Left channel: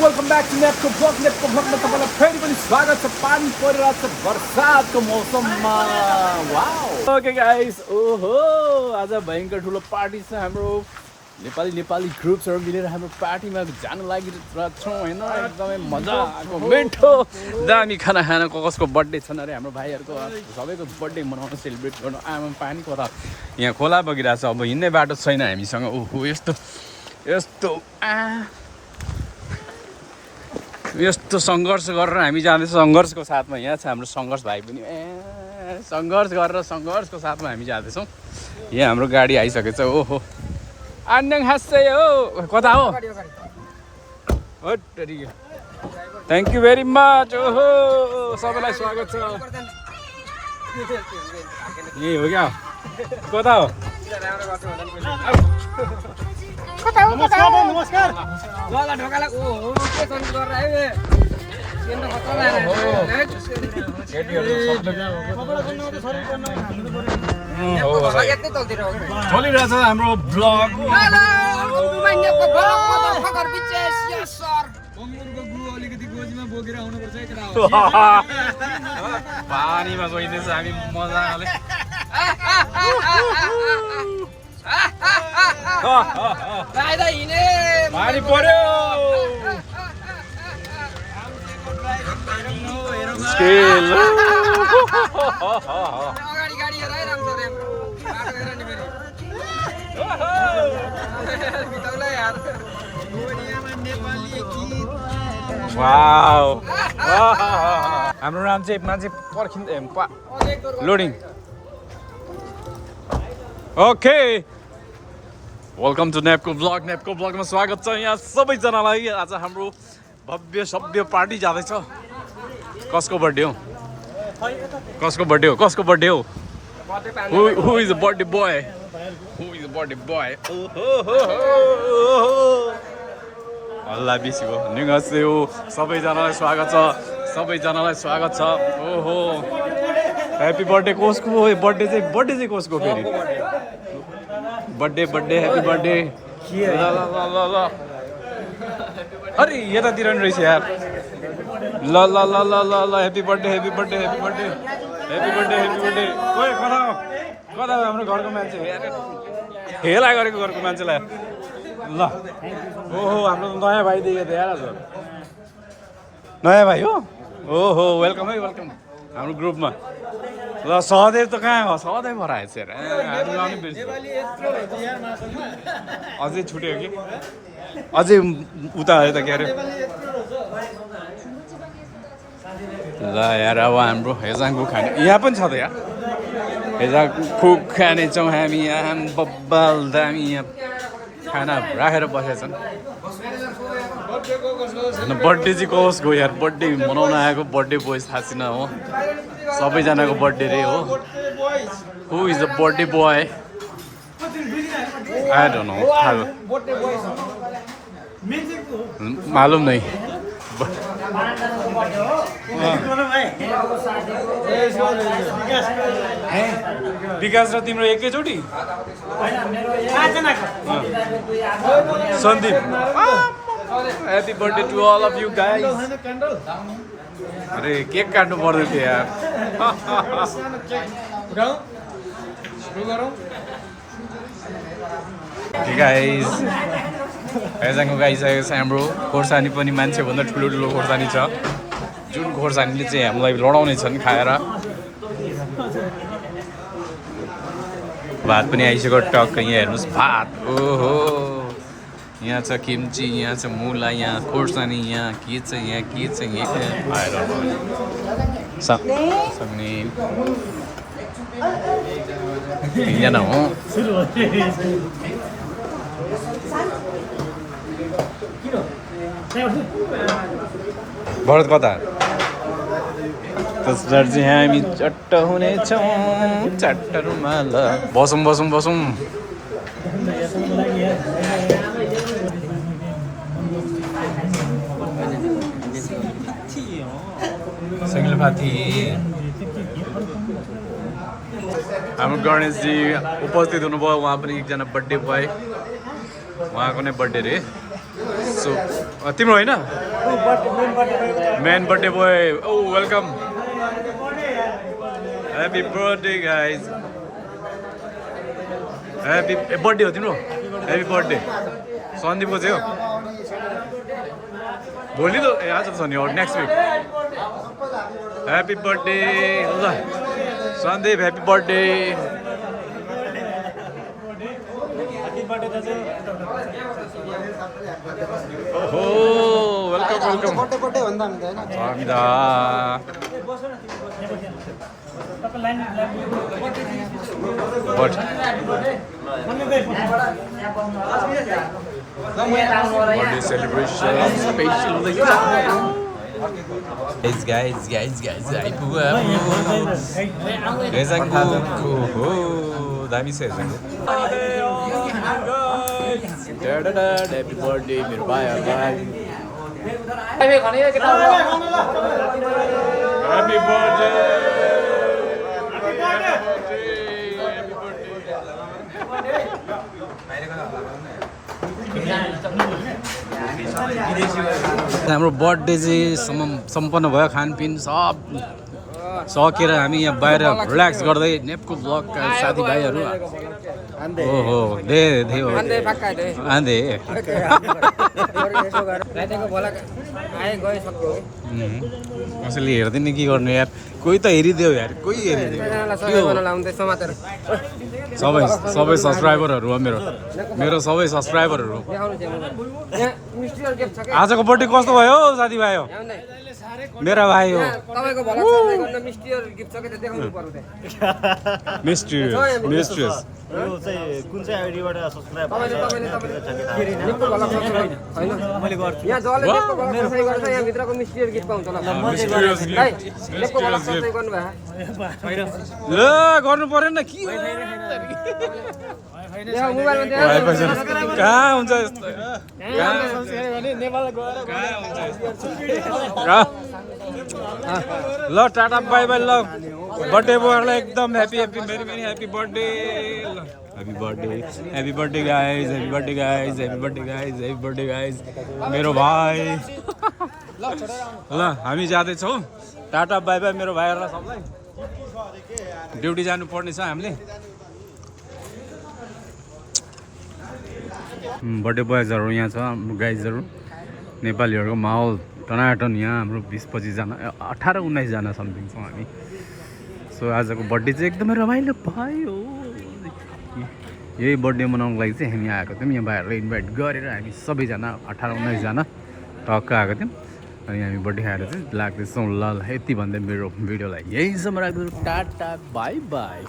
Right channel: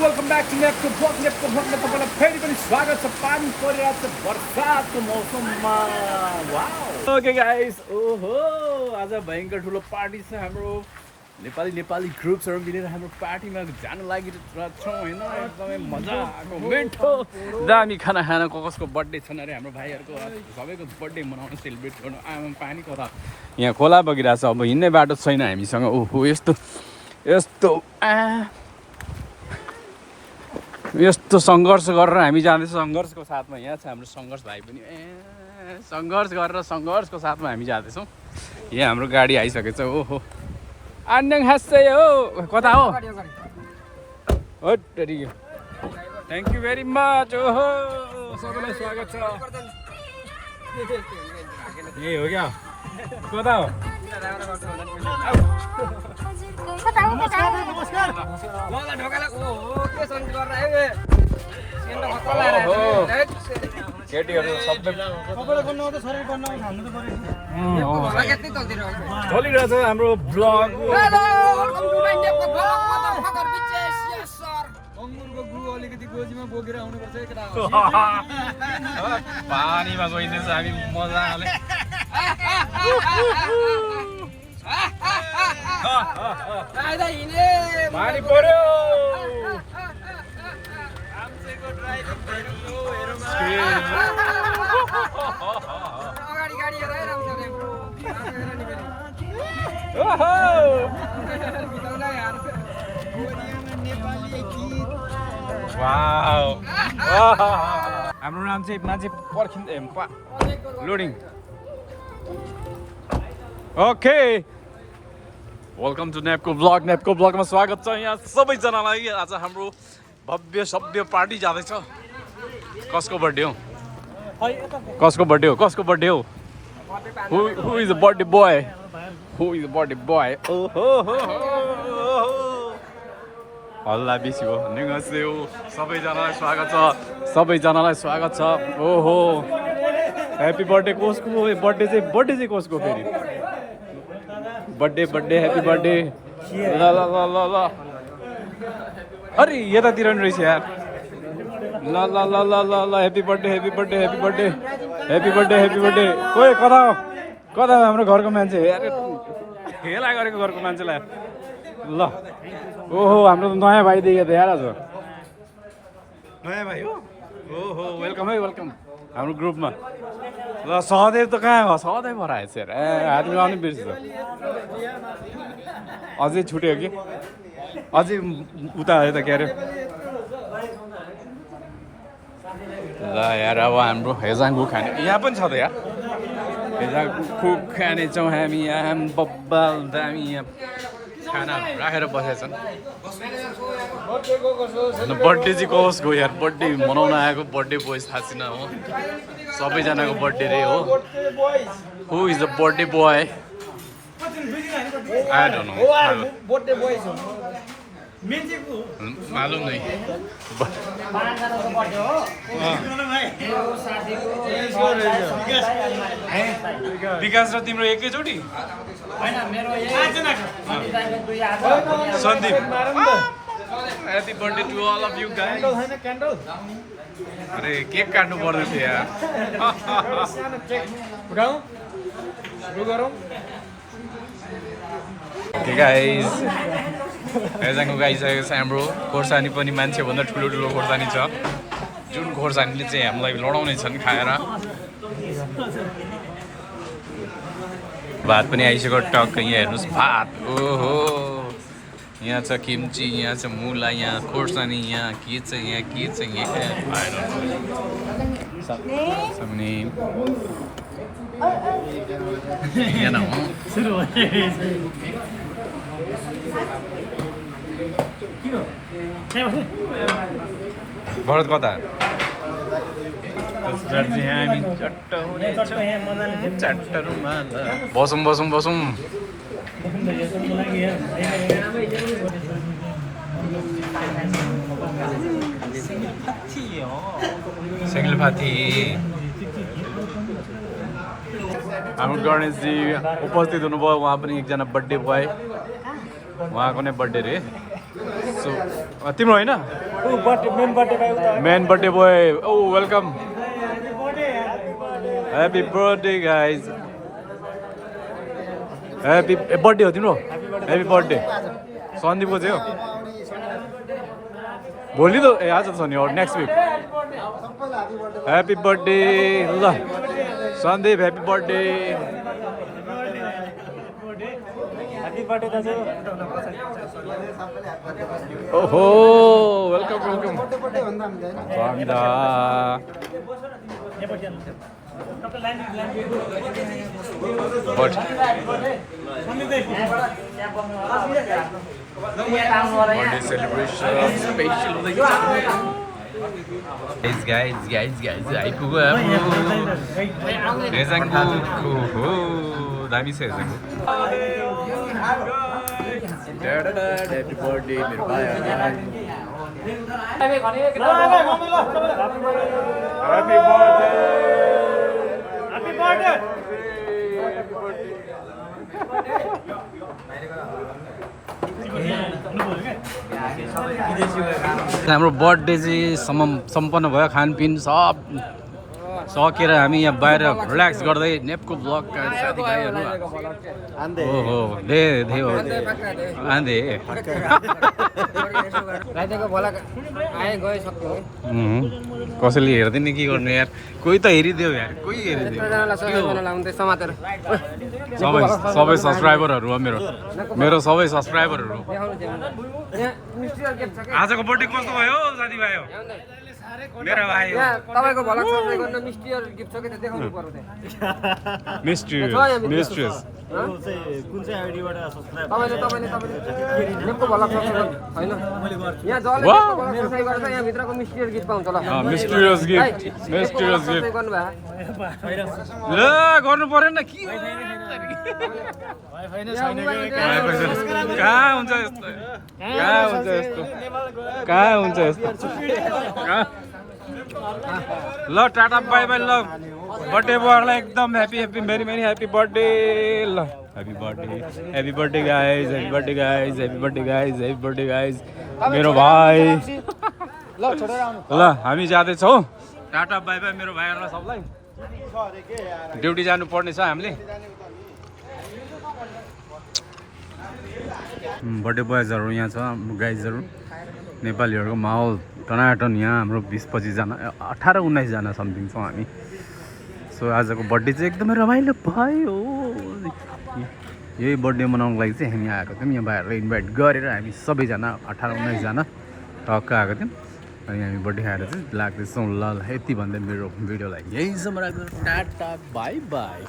Welcome back to NEEPCO ब्लगमा तपाईँलाई फेरि पनि स्वागत छ। पानी परिरहेको छ बर्सातको मौसममा। वाउ ओके गाइस, ओहो आज भयङ्कर ठुलो पार्टी छ। हाम्रो नेपाली ग्रुप्सहरू मिलेर हाम्रो पार्टीमा जानु लागिरहेको छौँ होइन। एकदमै मजाको मिठो दामी खाना खान कसको बर्थडे छन् अरे हाम्रो भाइहरूको। सबैको बर्थडे मनाउन सेलिब्रेट गर्न आमा पानी पर यहाँ खोला बगिरहेको छ। अब हिँड्ने बाटो छैन हामीसँग। ओहो यस्तो सङ्घर्ष गरेर हामी जाँदैछ। सङ्घर्षको साथमा यहाँ छ हाम्रो सङ्घर्ष भाइ पनि। सङ्घर्ष गरेर सङ्घर्षको साथमा हामी जाँदैछौँ। यहाँ हाम्रो गाडी आइसकेको छ। ओहो आन्याङ हाँस्दै हो कता हो? Thank you very much. ओहो सबैलाई स्वागत छ। ए हो क्या कता हो? चलिरहेछ हाम्रो ब्लग। पानीमा गइँदैछ हामी मजाले। पानी पर्यो। हाम्रो नाम चाहिँ मान्छे पर्खिँदै loading. Okay welcome to NEEPCO ब्लगमा स्वागत छ यहाँ सबैजनालाई। आज हाम्रो भव्य सभ्य पार्टी जाँदैछ। कसको बर्थडे हो? Who is the birthday boy? हल्ला बेसी हो। निगस्यो सबैजनालाई स्वागत छ। ओहो ह्याप्पी बर्थडे कसको? बर्थडे चाहिँ कसको फेरि? Birthday happy birthday. ल अरे यतातिर नि रहेछ यार। ल ह्याप्पी बर्थडे। कोही कता हाम्रो घरको मान्छे यार हेला गरेको घरको मान्छेलाई। ल ओहो हाम्रो नयाँ भाइ देखेको थियो यार आज। नयाँ भाइ हो? ओहो वेलकम हाम्रो ग्रुपमा। ल सहदेव त कहाँ हो? सहदेव भएर आएछ यार। हात मिलाउनु बिर्सिन्छ। अझै छुट्यो कि अझै उता आयो त के अरे। ल यार अब हाम्रो हेजाङको खाने यहाँ पनि छ त यार। हेजाङको खानेछौँ हामी यहाँ। बब्बाल दामी यहाँ खाना राखेर बसेका छन्। बर्थडे चाहिँ कसको यार? बर्थडे मनाउन आएको बर्थडे बोय थाहा छैन हो। सबैजनाको बर्थडे रे हो। Who is the birthday boy? I don't know. मालुम नै। विकास र तिम्रो एकैचोटि? Sandeep happy birthday to all of you guys. अरे केक काट्नु पर्दै थियो यार। ओके गाइज हेजाङको आइसकेको छ हाम्रो। खोर्सानी पनि मान्छेभन्दा ठुलो खोर्सानी छ। जुन खोर्सानीले चाहिँ हामीलाई लडाउने छन् खाएर। भात पनि आइसक्यो टक्क। यहाँ हेर्नुहोस् भात। ओहो यहाँ छ किम्ची, यहाँ छ मुला, यहाँ खोर्सानी, यहाँ के छ यहाँ आएर यहाँ हो। भरत कता? त्यसबाट चाहिँ हामी चट्ट हुनेछौँ। चट्ट रुमाल बसौँ। सेंगलपाती हाम्रो गणेशजी उपस्थित हुनुभयो। उहाँ पनि एकजना बर्थडे बोय, उहाँको नै बर्थडे रे। सो तिम्रो होइन मेन बर्थडे बोय ओ welcome happy birthday guys happy birthday हो तिम्रो ह्याप्पी बर्थडे सन्दीपको चाहिँ हो भोलि त ए आज छ नि नेक्स्ट विक ह्याप्पी बर्थडे ल सन्दीप ह्याप्पी बर्थडे ओहो वेलकम वेलकम स्वामिदा बर्थडे सेलिब्रेसन स्पेशल guys आइपुग्यो हाम्रो हो दामी छ हेर्छको ह्याप्पी बर्थडे मेरो भाइहरूलाई ह्याप्पी बर्थडे हाम्रो बर्थडे चाहिँ सम्पन्न भयो खानपिन सब सकेर हामी यहाँ बाहिर रिल्याक्स गर्दै नेपको ब्लगका साथीभाइहरू ओहो दे हो आँधे कसैले हेर्दैन के गर्नु यार कोही त हेरिदेऊ यार कोही हेरिदेऊ सबै सब्सक्राइबरहरू हो मेरो सबै सब्सक्राइबरहरू आजको बर्थडे कस्तो भयो साथीभाइ हो मेरा भाइ हो तपाईको भला सब्स्क्राइब गर्न मिस्टर गिफ्ट छ के देखाउनु पर्यो त्यहाँ मिस्ट्रियस कुन चाहिँ आइडीबाट सब्स्क्राइब तपाईले निको भला सब्स्क्राइब हैन मैले गर्छु यहाँ जले निको भला सब्स्क्राइब गर्छ यहाँ भित्रको मिस्टर गिफ्ट पाउँछ ल मिस्ट्रियस गिफ्ट गर्नु भयो ल गर्नु पर्दैन के कहाँ हुन्छ यस्तो कहाँ हुन्छ यस्तो ल टाटा बाई बाई ल बर्थडे बोयलाई एकदम happy happy very very happy birthday ल happy birthday guys happy birthday guys happy birthday guys happy birthday guys मेरो भाइ ल हामी जाँदैछौँ टाटा बाई बाई मेरो भाइहरूलाई सबलाई ड्युटी जानुपर्ने छ हामीले बर्थडे बोयजहरू यहाँ छ गाइजहरू नेपालीहरूको माहौल टनाटन यहाँ हाम्रो 20-25जना 18-19जना समथिङ छौँ हामी सो आजको बर्थडे चाहिँ एकदमै रमाइलो भयो यही बर्थडे मनाउनको लागि चाहिँ हामी आएको थियौँ यहाँ भाइहरूलाई इन्भाइट गरेर हामी सबैजना 18-19जना टक्क आएको थियौँ अनि हामी बर्थडे खाएर चाहिँ लाग्दैछौँ ल यति भन्दै मेरो भिडियोलाई यहीँसम्म राख्नु टाटा बाई बाई